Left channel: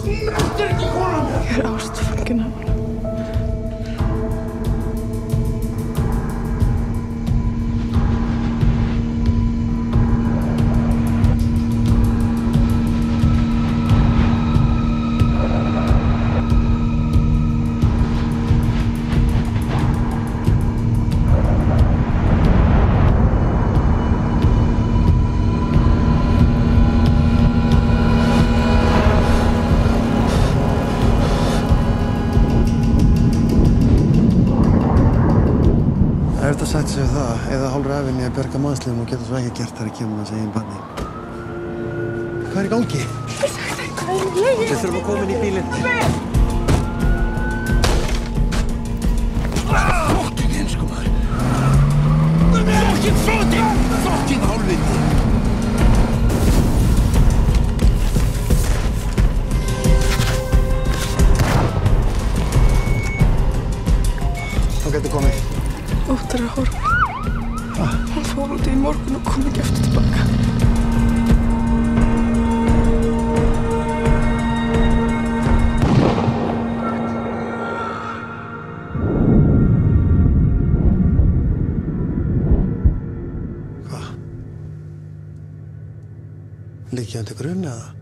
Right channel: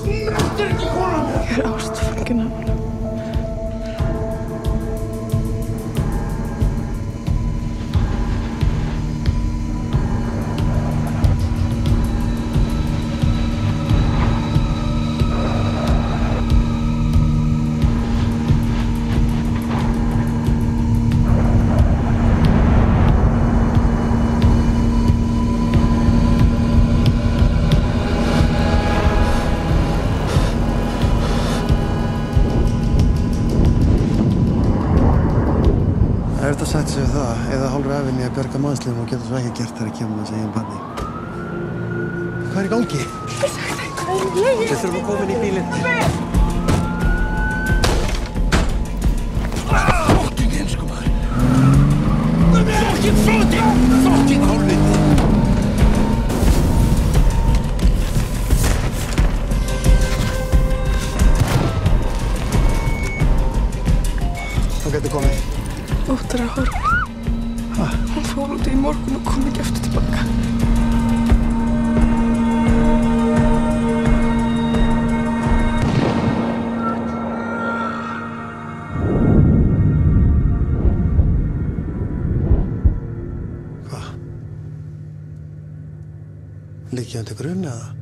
Snertir ekki konan mér! Ég ástfangin af hana. Það er sagt sig það, eða hálfur ævinni að bjarga mannslífum og geta svo ekki gert þegar kemur hans eigin barni. Hvað er í gangi? Við þurfum að koma inn í bílinn. Fokkin heimskumaður! Fokkin flótinn! Fokkin hálfviti! Þá getur komið. Óttar er horfin. Hún fór út í morgun og kom ekki aftur tilbaka. Hvað? Liggi hann til grunni eða?